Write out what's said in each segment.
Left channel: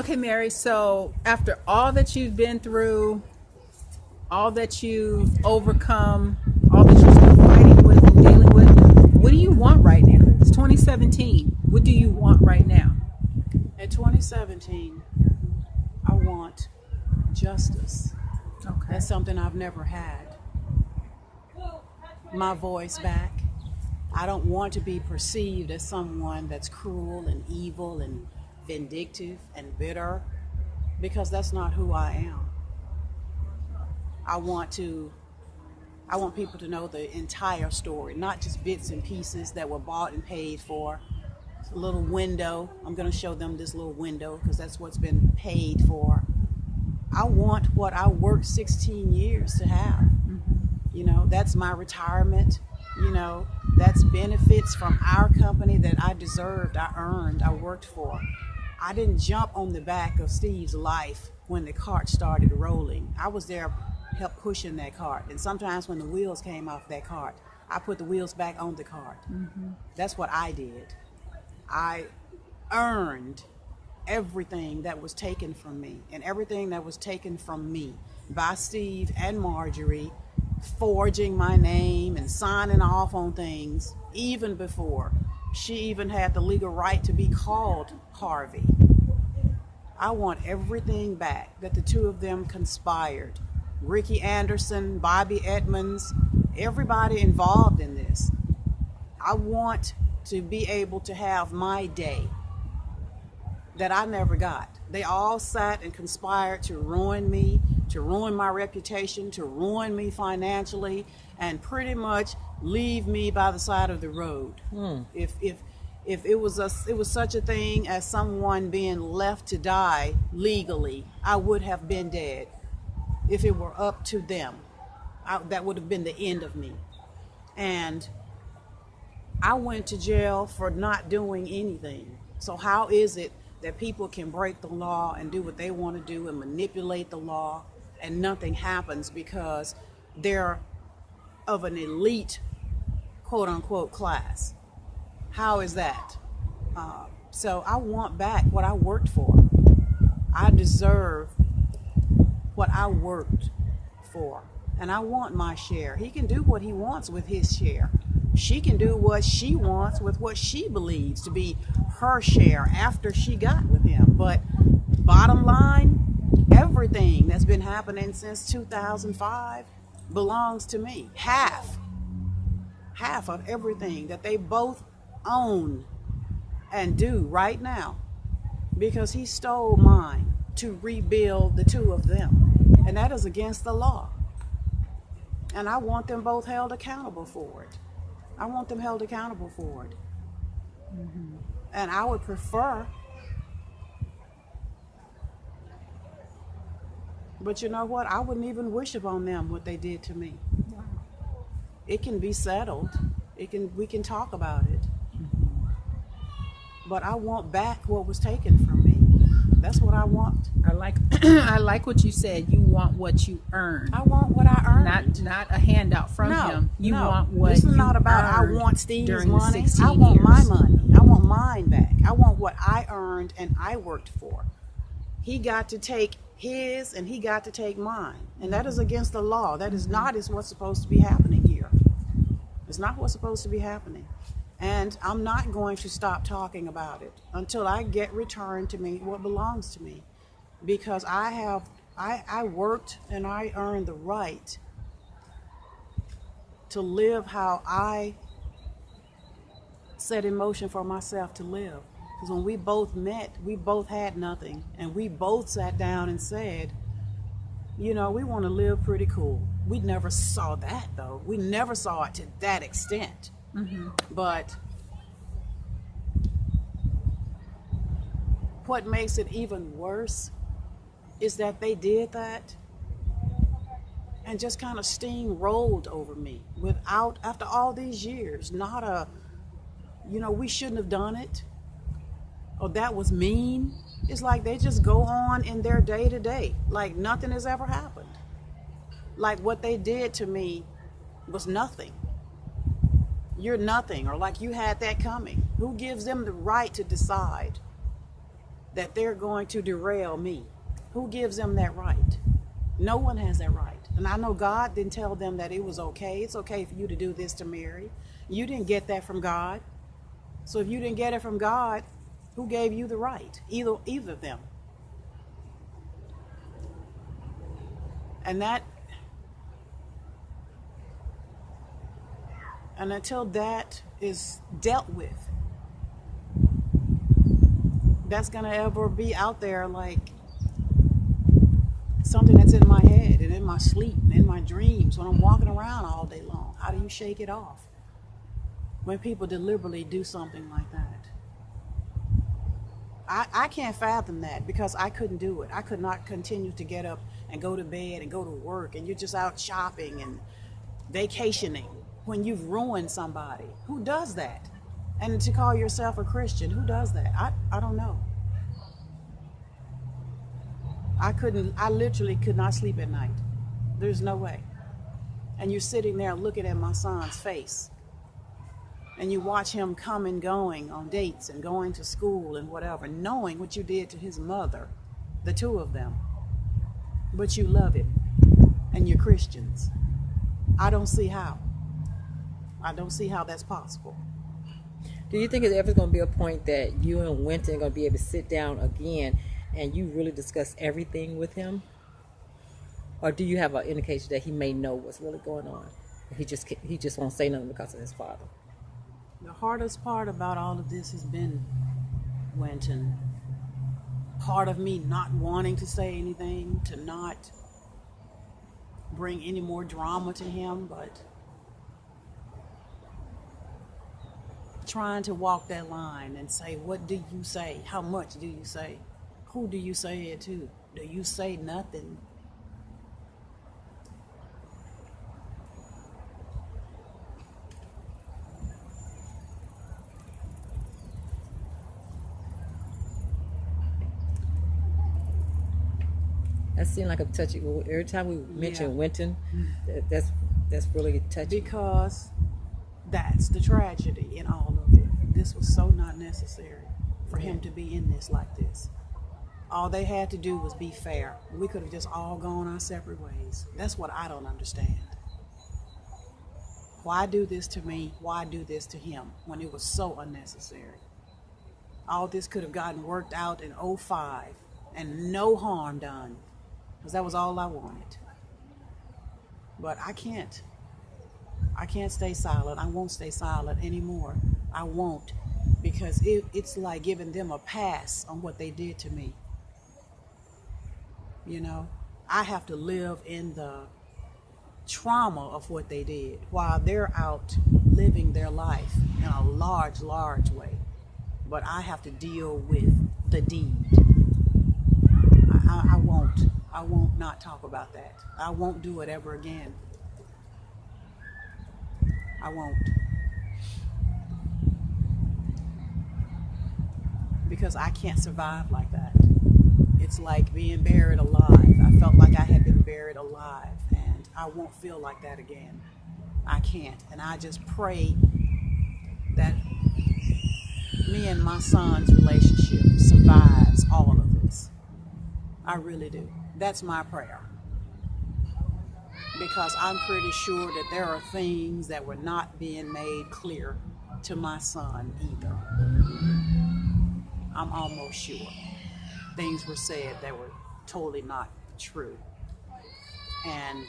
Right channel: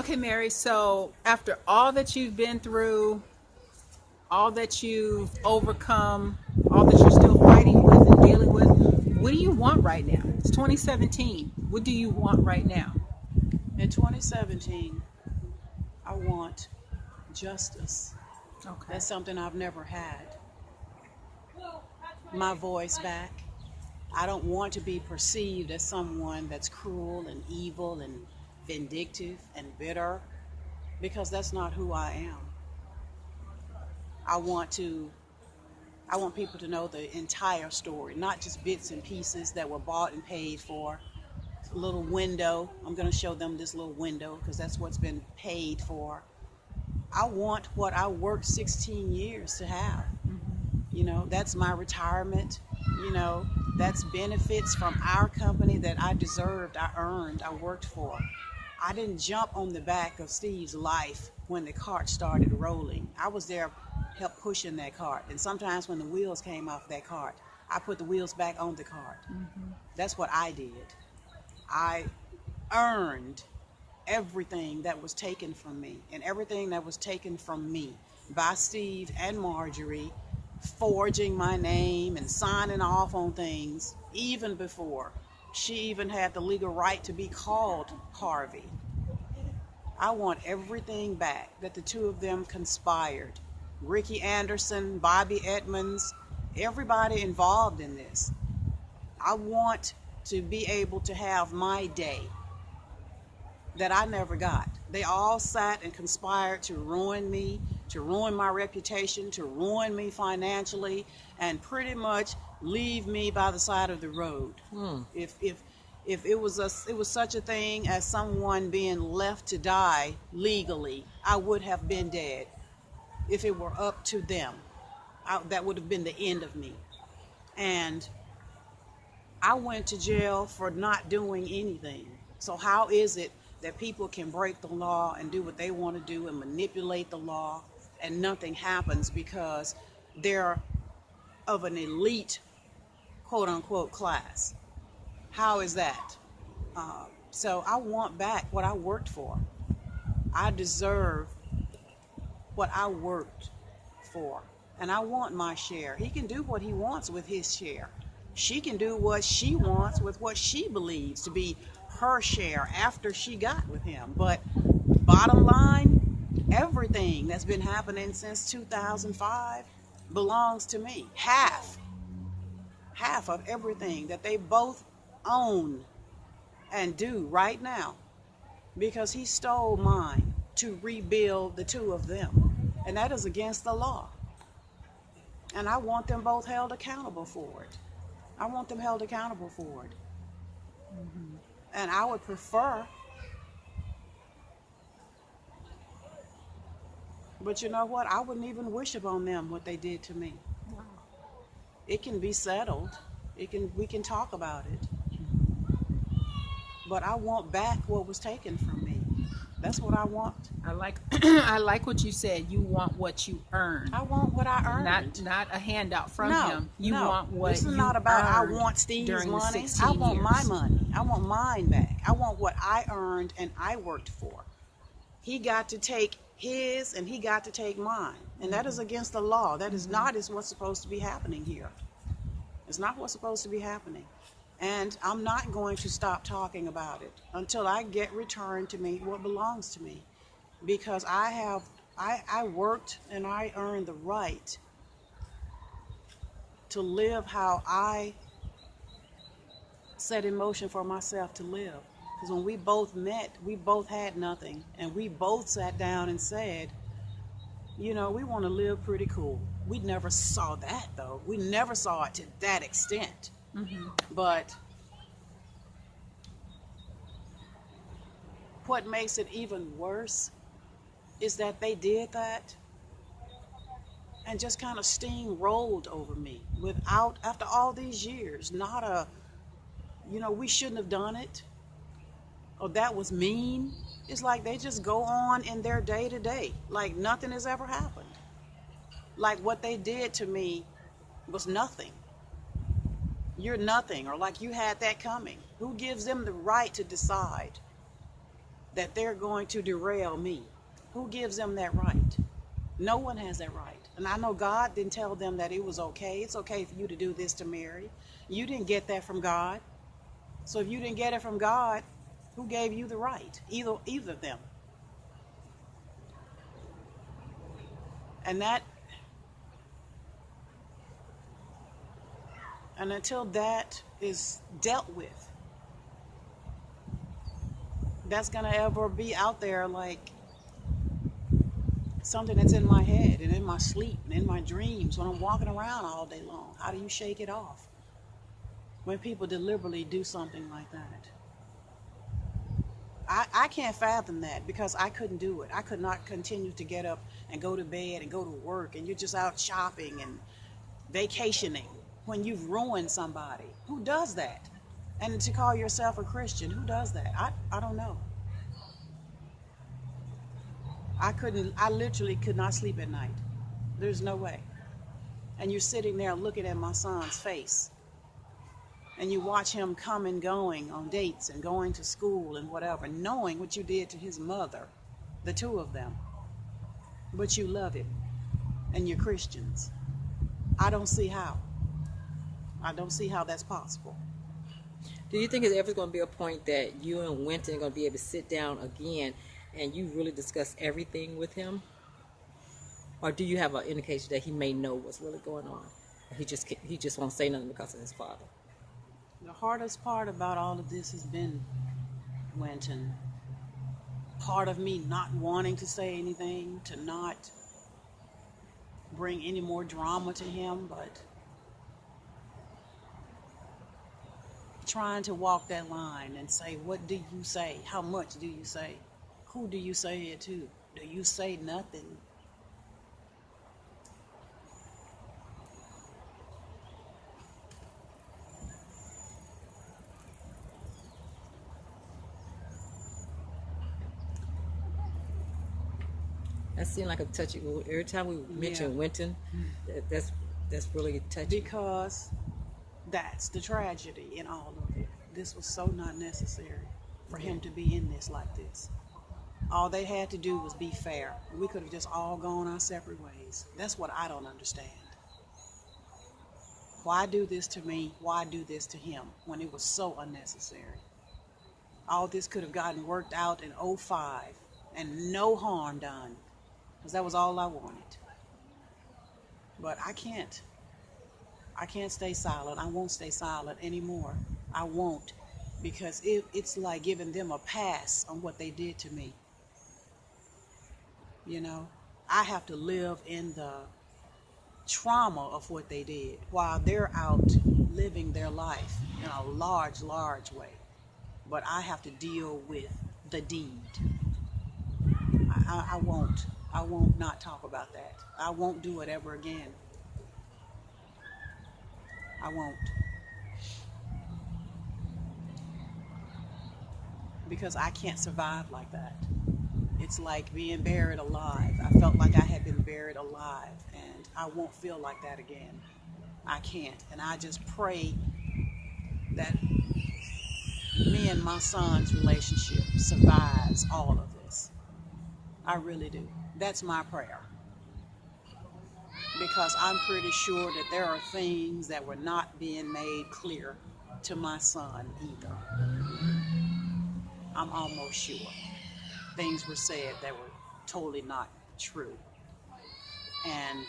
Okay, Mary, so after all that you've been through, all that you've overcome, all that you're still fighting with and dealing with, what do you want right now? It's 2017. What do you want right now? In 2017, I want justice. Okay. That's something I've never had. My voice back. I don't want to be perceived as someone that's cruel and evil and vindictive and bitter, because that's not who I am. I want people to know the entire story, not just bits and pieces that were bought and paid for. A little window. I'm going to show them this little window because that's what's been paid for. I want what I worked 16 years to have. You know, that's my retirement. You know, that's benefits from our company that I deserved, I earned, I worked for. I didn't jump on the back of Steve's life when the cart started rolling. I was there help pushing that cart. And sometimes when the wheels came off that cart, I put the wheels back on the cart. That's what I did. I earned everything that was taken from me, and everything that was taken from me by Steve and Marjorie, forging my name and signing off on things even before she even had the legal right to be called Harvey. I want everything back that the two of them conspired. Ricky Anderson, Bobby Edmonds, everybody involved in this. I want to be able to have my day that I never got. They all sat and conspired to ruin me, to ruin my reputation, to ruin me financially, and pretty much leave me by the side of the road. If it was such a thing as someone being left to die legally, I would have been dead. If it were up to them, that would have been the end of me. And I went to jail for not doing anything. So how is it that people can break the law and do what they want to do and manipulate the law and nothing happens because they're of an elite, quote unquote, class? How is that? So I want back what I worked for. I deserve what I worked for. And I want my share. He can do what he wants with his share. She can do what she wants with what she believes to be her share after she got with him. But bottom line, everything that's been happening since 2005 belongs to me. Half of everything that they both own and do right now, because he stole mine to rebuild the two of them. And that is against the law. And I want them both held accountable for it. I want them held accountable for it. And I would prefer, but you know what? I wouldn't even wish upon them what they did to me. Wow. It can be settled. We can talk about it. But I want back what was taken from me. That's what I want. I like I like what you said. You want what you earned. I want what I earned. Not a handout from him. You want what this is you not about I earned want Steve's during the money. 16 I want years. my money. I want mine back. I want what I earned and I worked for. He got to take his and he got to take mine. And that is against the law. That is not what's supposed to be happening here. It's not what's supposed to be happening. And I'm not going to stop talking about it until I get returned to me what belongs to me. Because I worked and I earned the right to live how I set in motion for myself to live. Because when we both met, we both had nothing. And we both sat down and said, you know, we want to live pretty cool. We never saw that, though. We never saw it to that extent. But what makes it even worse is that they did that and just kind of steamrolled over me without, after all these years, not a, you know, we shouldn't have done it, or that was mean. It's like they just go on in their day to day, like nothing has ever happened. Like what they did to me was nothing. You're nothing, or like you had that coming. Who gives them the right to decide that they're going to derail me. Who gives them that right? No one has that right. And I know God didn't tell them that it was okay. It's okay for you to do this to Mary. You didn't get that from God. So if you didn't get it from God, who gave you the right? Either of them. And until that is dealt with, that's going to ever be out there like something that's in my head and in my sleep and in my dreams when I'm walking around all day long. How do you shake it off when people deliberately do something like that? I can't fathom that because I couldn't do it. I could not continue to get up and go to bed and go to work, and you're just out shopping and vacationing when you've ruined somebody. Who does that? And to call yourself a Christian, who does that? I don't know. I literally could not sleep at night. There's no way. And you're sitting there looking at my son's face, and you watch him come and going on dates and going to school and whatever, knowing what you did to his mother, the two of them. But you love him, and you're Christians. I don't see how. I don't see how that's possible. Do you think there's ever going to be a point that you and Winton are going to be able to sit down again and you really discuss everything with him? Or do you have an indication that he may know what's really going on? He just won't say nothing because of his father. The hardest part about all of this has been Winton. Part of me not wanting to say anything, to not bring any more drama to him, but trying to walk that line and say, what do you say? How much do you say? Who do you say it to? Do you say nothing? That seemed like a touchy. Every time we mention Winton, that's really touchy. Because that's the tragedy in all of it. This was so not necessary for him to be in this like this. All they had to do was be fair. We could have just all gone our separate ways. That's what I don't understand. Why do this to me? Why do this to him when it was so unnecessary? All this could have gotten worked out in 2005 and no harm done, because that was all I wanted. But I can't stay silent. I won't stay silent anymore. I won't, because it's like giving them a pass on what they did to me. You know, I have to live in the trauma of what they did while they're out living their life in a large way. But I have to deal with the deed. I won't not talk about that. I won't do it ever again. I won't. Because I can't survive like that. It's like being buried alive. I felt like I had been buried alive, and I won't feel like that again. I can't. And I just pray that me and my son's relationship survives all of this. I really do. That's my prayer. Because I'm pretty sure that there are things that were not being made clear to my son either. I'm almost sure. Things were said that were totally not true. And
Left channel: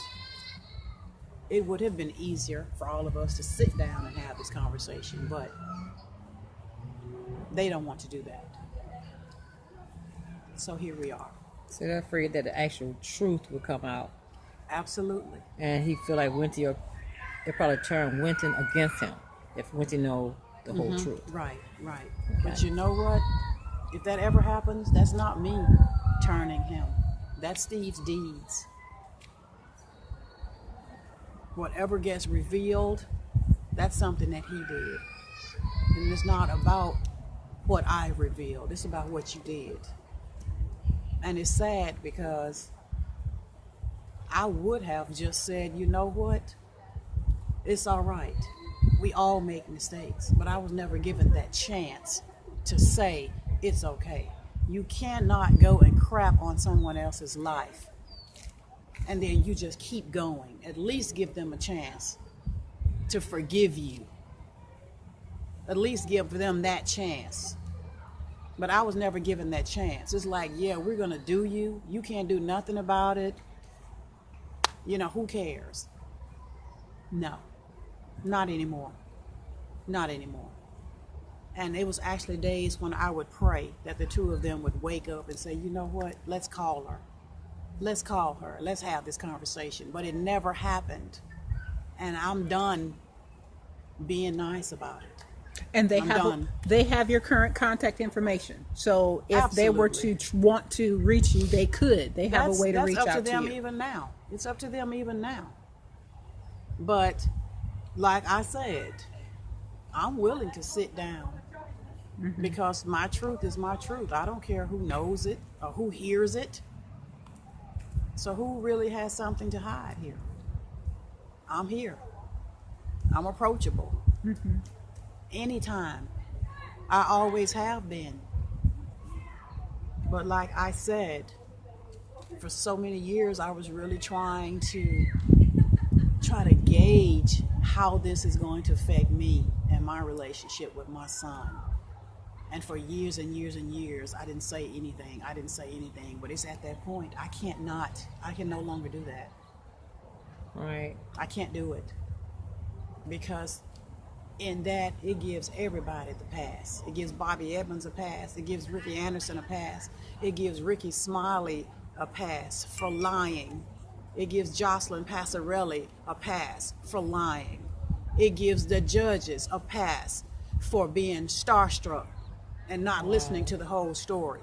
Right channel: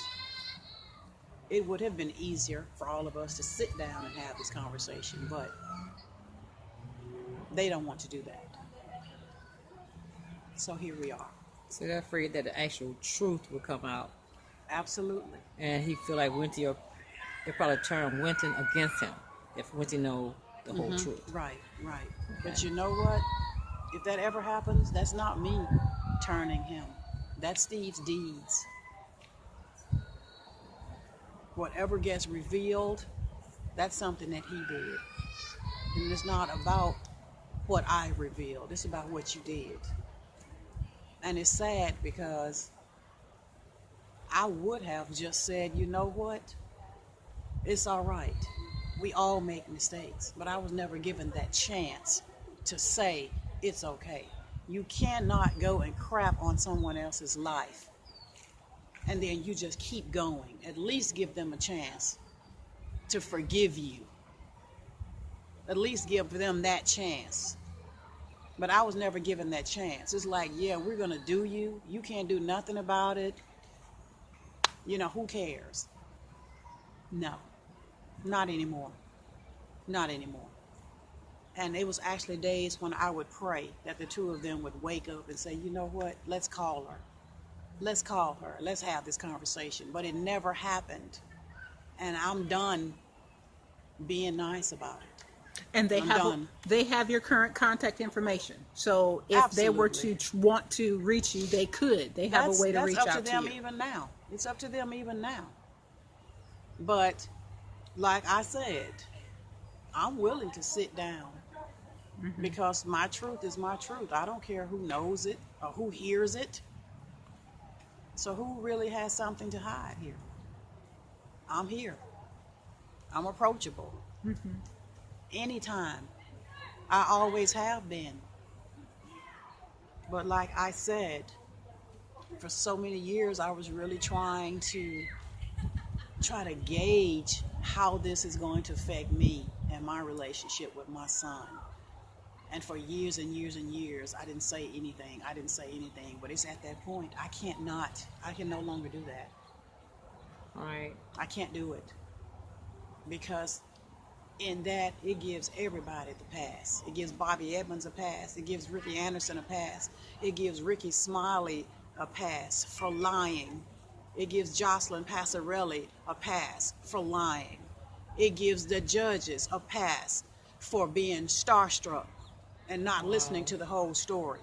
it would have been easier for all of us to sit down and have this conversation, but they don't want to do that. So here we are. So they're afraid that the actual truth will come out. Absolutely. And he feel like Winton, they'll probably turn Winton against him if Winton know the whole truth. Right. Okay. But you know what? If that ever happens, that's not me turning him. That's Steve's deeds. Whatever gets revealed, that's something that he did. And it's not about what I revealed. It's about what you did. And it's sad because I would have just said, you know what? It's all right. We all make mistakes. But I was never given that chance to say, it's okay. You cannot go and crap on someone else's life and then you just keep going. At least give them a chance to forgive you. At least give them that chance. But I was never given that chance. It's like, yeah, we're going to do you. You can't do nothing about it. You know, who cares? No, not anymore. Not anymore. And it was actually days when I would pray that the two of them would wake up and say, you know what, let's call her. Let's call her. Let's have this conversation. But it never happened. And I'm done being nice about it. And I'm they have your current contact information. So if they were to want to reach you, they could. They have a way to reach out to you. That's up to them even now. It's up to them even now. But like I said, I'm willing to sit down because my truth is my truth. I don't care who knows it or who hears it. So who really has something to hide here? I'm here. I'm approachable. Anytime. I always have been. But like I said, for so many years I was really trying to gauge how this is going to affect me and my relationship with my son. And for years and years and years, I didn't say anything. But it's at that point, I can no longer do that. Right. I can't do it. Because in that, it gives everybody the pass. It gives Bobby Edmonds a pass. It gives Ricky Anderson a pass. It gives Ricky Smiley a pass for lying. It gives Jocelyn Passarelli a pass for lying. It gives the judges a pass for being starstruck and not listening to the whole story.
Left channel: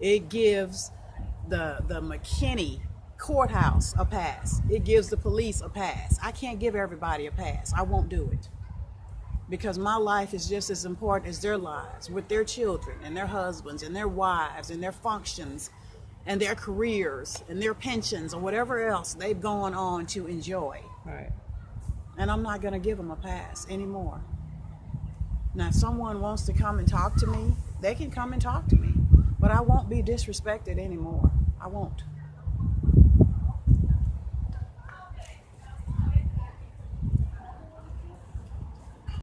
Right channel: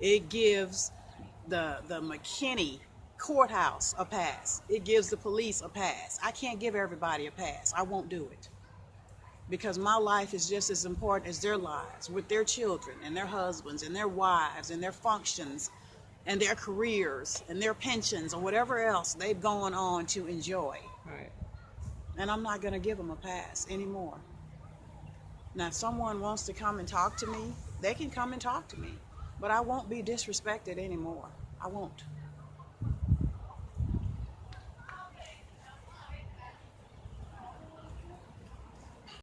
It gives the McKinney courthouse a pass. It gives the police a pass. I can't give everybody a pass. I won't do it. Because my life is just as important as their lives, with their children and their husbands and their wives and their functions and their careers and their pensions or whatever else they've gone on to enjoy. Right. And I'm not going to give them a pass anymore. Now, if someone wants to come and talk to me, they can come and talk to me. But I won't be disrespected anymore. I won't.